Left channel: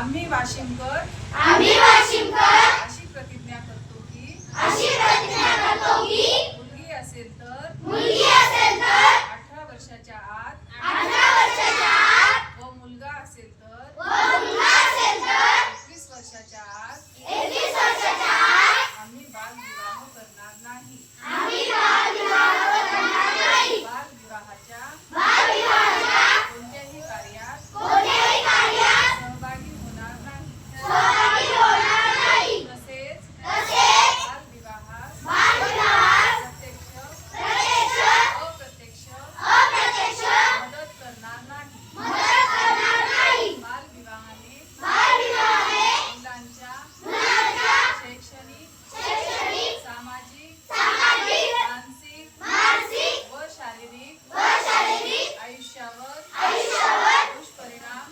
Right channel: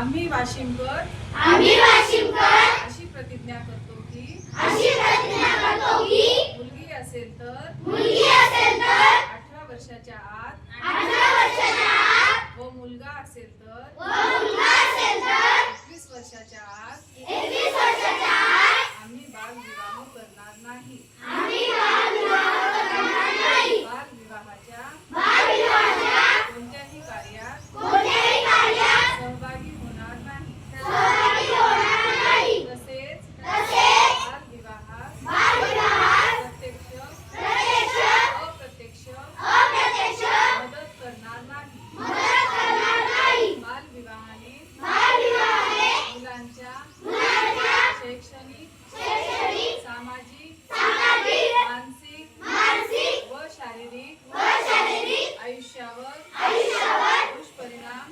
आम्ही वाशिमकर अशी प्रतिज्ञा करतो की मुलगी असेल तर 18 वर्षाच्या आत व मुलगा असेल तर 21 वर्षाच्या आत आम्ही बालविवाह करणार नाही. बालविवाहाच्या कोणत्याही कार्यात सहभागी होणार नाही. तसेच बालविवाहास प्रत्यक्ष अप्रत्यक्ष मदत करणार नाही. बालविवाहाने मुलांच्या शैक्षणिक, सामाजिक, मानसिक व शारीरिक आयुष्यावर दुष्परिणाम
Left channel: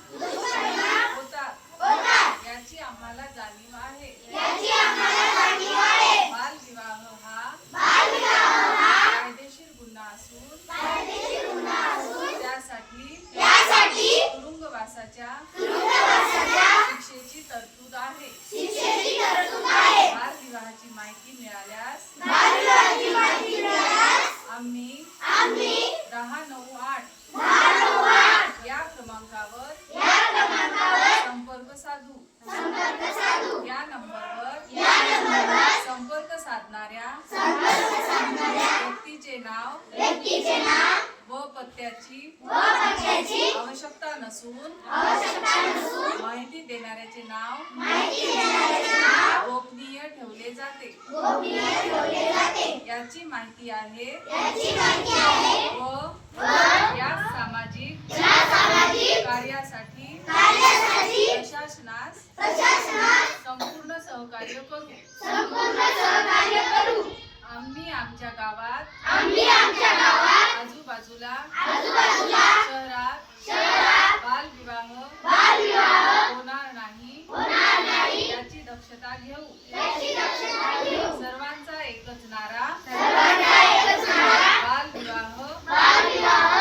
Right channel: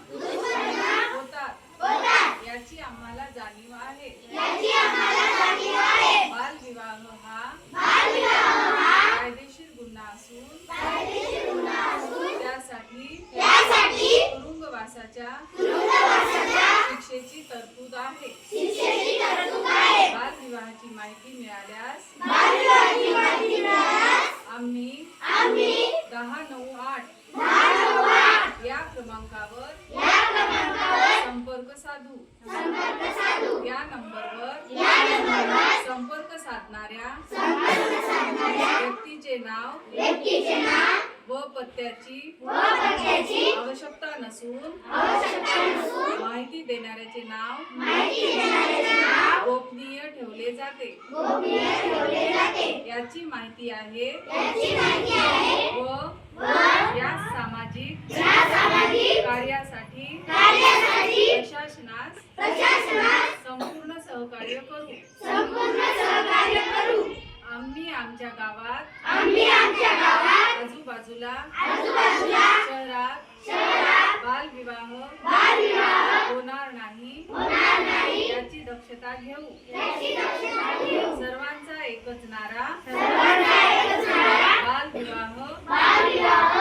होतात याची आम्हाला जाणीव आहे. बालविवाह हा कायदेशीर गुन्हा असून त्यासाठी तुरुंगवासाच्या शिक्षेची तरतूद आहे. बालविवाहाची माहिती मिळाल्यास आम्ही 1098 या क्रमांकावर संपर्क साधू. या नंबरवर संपर्क साधणाऱ्या व्यक्तीचे नाव व पत्त्याची आवश्यकता नसून माहिती देणाऱ्याचे नाव गोपनीय ठेवले जाते. याची माहिती आहे व या सामाजिक कार्यासाठी प्रशासनास संपूर्ण सहकार्य करू. आम्ही आमच्या गावात आजूबाजूला शहरात बालविवाह होणार नाही याची दक्षता घेऊ. सर्वांचा एकच नारा बालविवाह